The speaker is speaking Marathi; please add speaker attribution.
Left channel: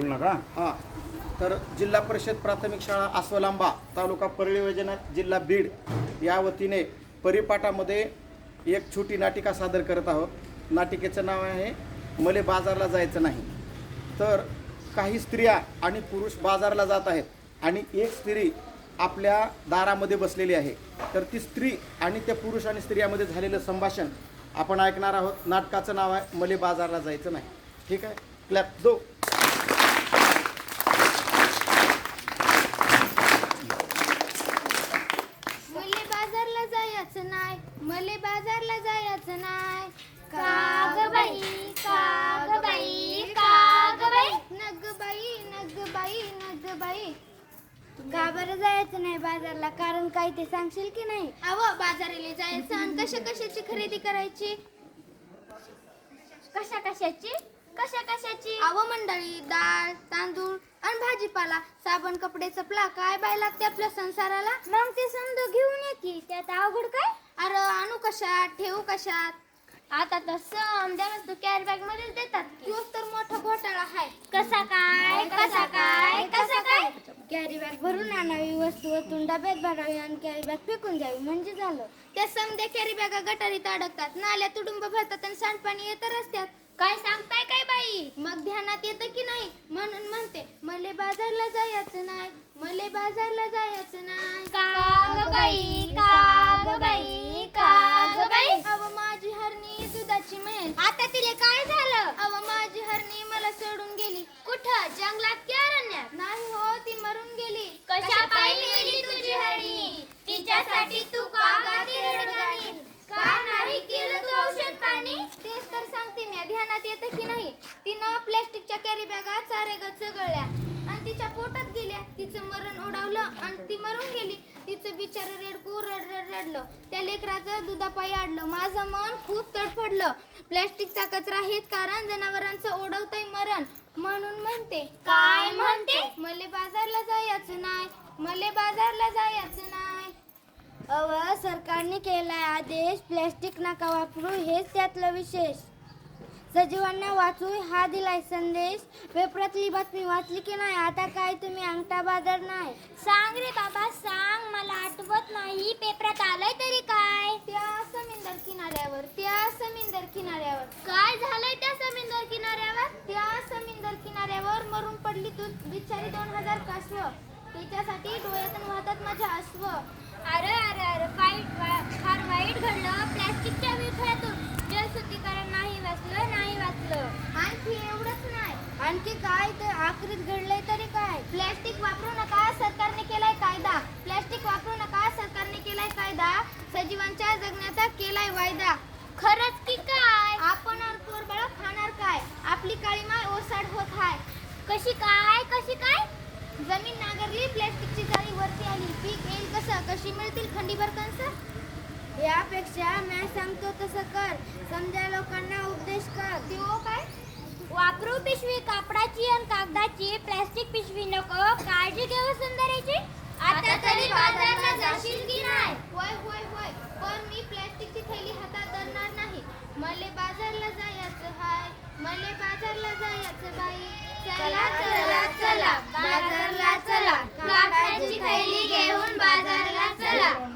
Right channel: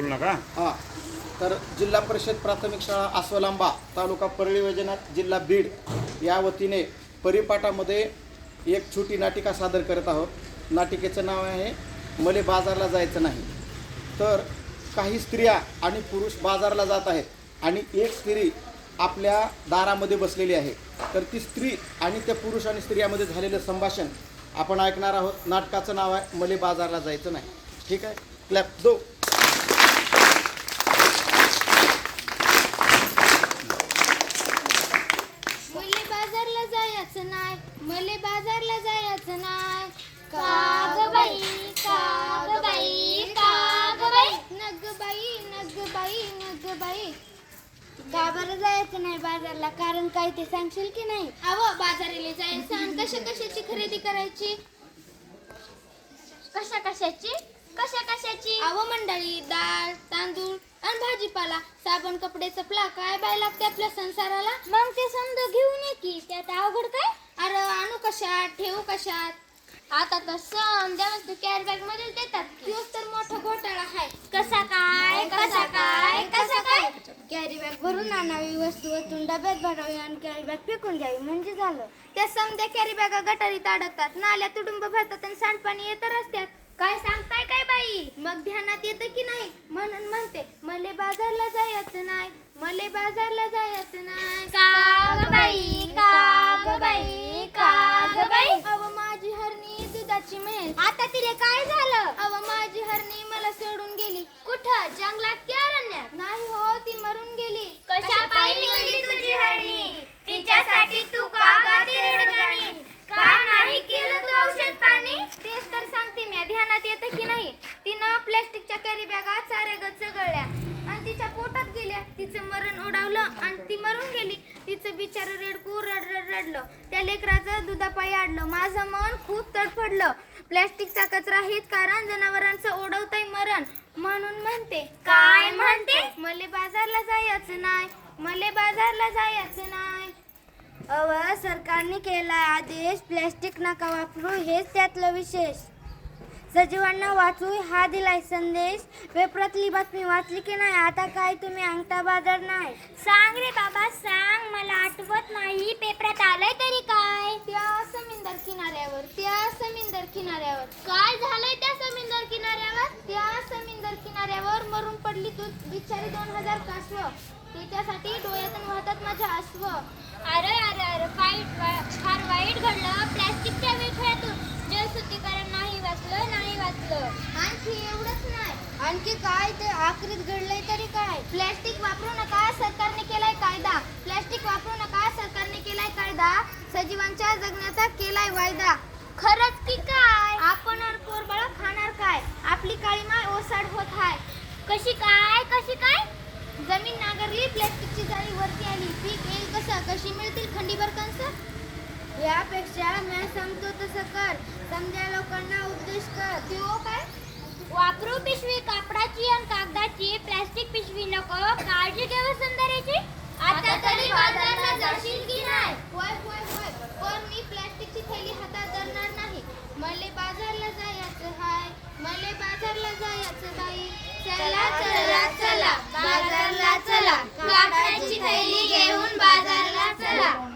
Speaker 1: बोलू नका.
Speaker 2: हां, तर जिल्हा परिषद प्राथमिक शाळा आसवलांबा, तालुका परळी वैजनाथ, जिल्हा बीड या वतीने परिपाठामध्ये एक छोटी नाटिका सादर करत आहोत. नाटिकेचं नाव आहे मले बाजारला जायचं नाही. तर काही स्त्रिया आणि पुरुष बाजारला जात आहेत आणि एक स्त्री आपल्या दारामध्ये बसलेली आहे. तर ती स्त्री आणि त्या पुरुष आणि स्त्रियामध्ये झालेलं संभाषण आपण ऐकणार आहोत. नाटकाचं नाव आहे मले बाजारला जायचं नाही. ठीक आहे, क्लॅप दो.
Speaker 3: मले बाजारला जायचं नाही, मले बाजारला जायचं नाही. का ग बाई, का ग बाई, का ग बाई, नग बाई, नग बाई, नग बाई. का बरं जायचं नाही बाजारला? कारण काय ते सांगशील की नाही? अहो, बाजाराला जायचं आणि कशाची खरेदी करायची? कशाची? अहो मंडळी, डाळ, तांदूळ आणि भाजीपाला, साबण, कपडे, चपला, काय बाय लागते आपल्या संसाराला. मग ते समजा घेऊन ये की, त्यात अवघड काय? अरे आणू कशात, ठेवू कशात? आता तर समजा तू कॅरी बॅग मध्ये देतात. तोच तर मोठा घोटाळा आहे. कसा काय? कॅरी बॅग भरून आणावी, वस्तू ओतून डब्यात भरावी आणि कॅरी बॅग फेकून द्यावी म्हणजे झालं. त्या समजा कॅरी बॅगा गटारीत अडकतात, नाल्या तुडुंब भरतात आणि सांडपाणी येत रस्त्यात. काय सांगताय काय बाई? मग ध्यानात येतं की नाही? म्हणून म्हणते मले बाजारला जायचं नाही, मले बाजारला जायचं नाही. का ग बाई, का ग बाई, का ग बाई. अव माझी हरणी दुधाची म्हैस, आता तिला काय झालं? अव माझी हरणी मला सोडून गेली. कुठं? जंगलात की अरण्यात? नाही हो, ती मरून गेली. कशा पायी मेली तुझी हरणी? तिच्यासाठी तू का गाते रडगाणी? का नाही केलं तू औषध पाणी? तेच तर सांगते मी, ध्यानात येतं की नाही? तिनं प्लॅस्टिकच्या कॅरी बॅगा चारेगत चगळल्या आणि तिच्या पोटात गेल्या. तिचं मरण ओढावलं आणि ती मरून गेली. तिचं बिचारं रेडकू रडलं. त्या लेकराचं दुधापायी आडलं. माझं मन खूप तडफडलं. प्लॅस्टिकचा कचरा हेच कारण जनावरांचं ओढवतंय मरण. म्हणून म्हणते. काय म्हणते? मले बाजारला जायचं नाही, मले बाजारला जायचं नाही. अव सरकारने केला आदेश, प्लॅस्टिक नका वापरू, हेच त्यातलं विशेष. सजीवांना वाचू हा दिलाय संदेश. पेपरातली बातमी वाचली की नाही? आता काय तुम्ही अंगठा बाजार नाही? सांग रे बाबा सांग, मला आठवत नाही. पेपरात आलंय तरी काय? त्या समुद्र किनाऱ्यावर, त्या समुद्र किनाऱ्यावर. काय झालंय त्या समुद्र किनाऱ्यावर? त्या समुद्र किनाऱ्यावर मरून पडली तू बिचारी 2000 कासव. त्याच्यासाठी डोळ्यातून वाहतात माझ्या अश्व. अरे अरे अरे, फार वाईट घडलं. प्लॅस्टिकच्या विखळ्यातून जलशुद्धीकरण नाही वाचलं. आणखी एवढंच नाही, आणखी काय ते आखरीत घडलंय तरी काय? प्लॅस्टिक वापरू नका, सरकारने केलाय कायदा. प्लॅस्टिक वापरू नका, सरकारने केलाय कायदा. सजीवांच्या जगण्याचा केलाय वायदा. खरंच की काय? आपण पोरबाळ खाणार काय? आपली काळी माय ओसाड होत हाय. कशी काय? जमीन नांगरली, प्लॅस्टिकची जाळी वरती आली. पीक येईल कसं? कशी मिळतील खंडीभर कणसं? यापेक्षा मी सांगतो तसं कर. समजा लोकांना उपदेश कर. तो काय? वापरू पिशवी कापडाची आणि कागदाची, प्लॅस्टिक पिशवी नको. काळजी घे वसुंधरेची. आता तरी बाजारला जाशील की नाही? होय, पण मी प्लॅस्टिकची थैली हातात धरणार नाही. मले बाजारला जायचं हाय, मले बाजारला जायचं बाई. चला बाजारला चला, कापडाची थैली घेऊन बाजारला चला.